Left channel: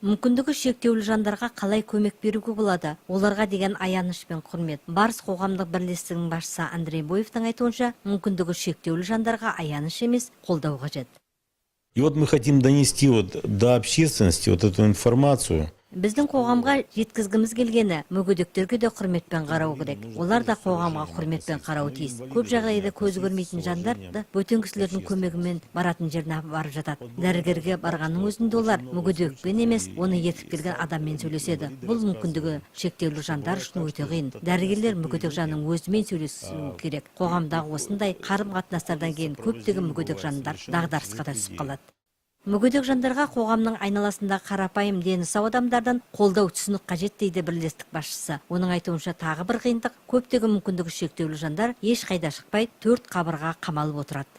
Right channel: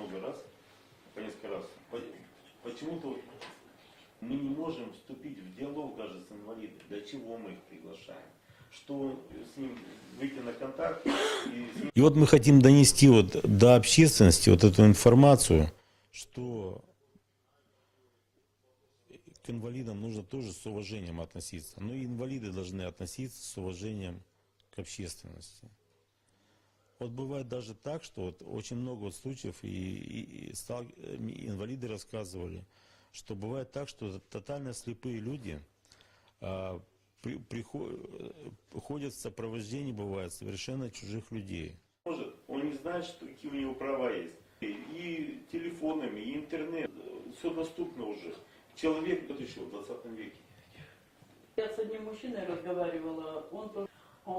Мүмкіндігі шектеулі жандарға қалай көмек беруге болады? Оларға деген аяныш пен құрмет. Барыс қоғамдық бірлестігінің басшысы Андрей Боевтың айтуынша, мүмкіндігі шектеулі жандарға аяныш емес, қолдау қажет. И вот мы хотим донести до общественности эту информацию. Біздің қоғамға жеткізгіміз келгені, мүгедектерге де құрметпен қарау керек. Олар да қоғамға құрметпен қарау тиіс. Көп жағдайда көзі көрмейтін жандар да бөтен кісілердің көмегімен баратын жеріне барып жатады. Дәрігерге барғанның өзінде олар мүгедекпен емес, оны ертіп келген адаммен сөйлеседі. Бұл мүмкіндігі шектеулі жандар үшін өте қиын. Дәрігерлер мүгедек жанның өзімен сөйлесу керек. Қоғамдағы осындай қарым-қатынастардан кейін көптеген мүгедек жандар дағдарысқа да түсіп қалады. Мүгедек жандарға қоғамның айналасында қарапайым дені сау адамдардан қолдау түсінік қажет дейді бірлестік басшысы. Оның айтуынша тағы бір қиындық, көптеген мүмкіндігі шектеулі жандар ешқайда шықпай төрт қабырға қамалып отырады.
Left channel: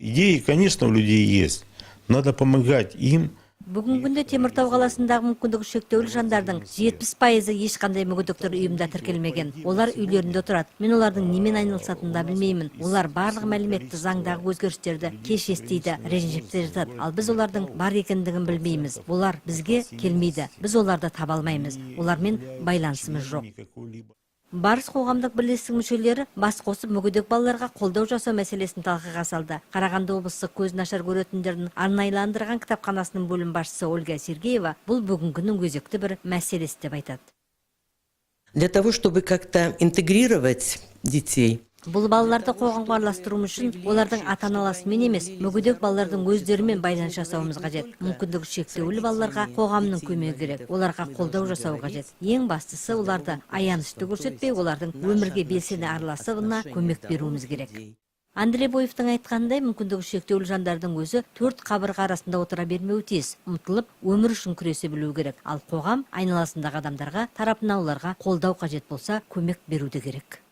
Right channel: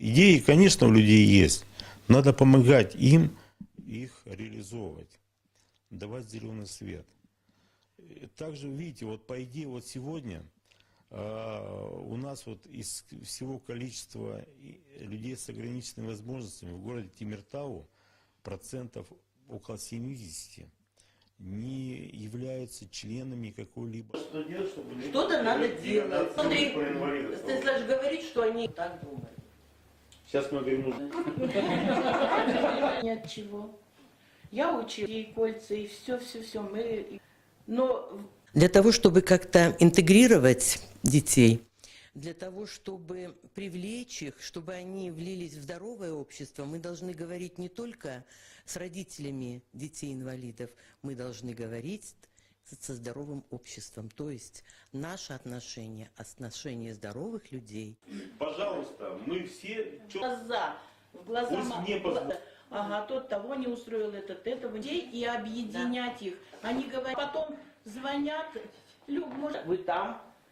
Идеи, конечно, у людей есть. Надо помогать им. Бүгінгі күнде Теміртау қаласындағы мүмкіндігі шектеулі жандардың 70% ешқандай мүгедектер ұйымда тіркелмеген. Олар үйлерінде тұрады. Мен олардың немен айналысатынын да білмеймін. Олар барлық мәліметті, заңдағы өзгерістерді кеш естиді, ренжіпте жатады. Ал біз олардың бар екендігін білмейміз. Олар бізге келмейді. Біз оларды таба алмаймыз. Олармен байланысымыз жоқ. Барыс қоғамдық бірлестік мүшелері бас қосып мүгедек балаларға қолдау жасау мәселесін талқыға салды. Қарағанды облыстық көзі нашар көретіндердің арнайыландырған кітапханасының бөлім басшысы Ольга Сергеева бұл бүгінгінің өзекті бір мәселесі деп айтады. Для того, чтобы как-то интегрировать детей, Бұл балаларды қоғамға араластыру үшін олардың ата-аналарымен емес, мүгедек балалардың өздерімен байланыс жасауымыз қажет. Мүмкіндігі шектеулі балаларға қоғамның көмегі керек. Оларға қолдау жасау қажет. Ең бастысы оларды аянышты көрсетпей, олардың өмірге белсене араласуына көмек беруіміз керек. Андрей Боевтың айтқандай, мүмкіндігі шектеулі жандардың өзі төрт қабырға арасында отыра бермеуі тиіс. Ұмтылып, өмір үшін күресе білу керек. Ал қоғам айналасындағы адамдарға тарапынан оларға қолдау қажет болса, көмек беруде керек.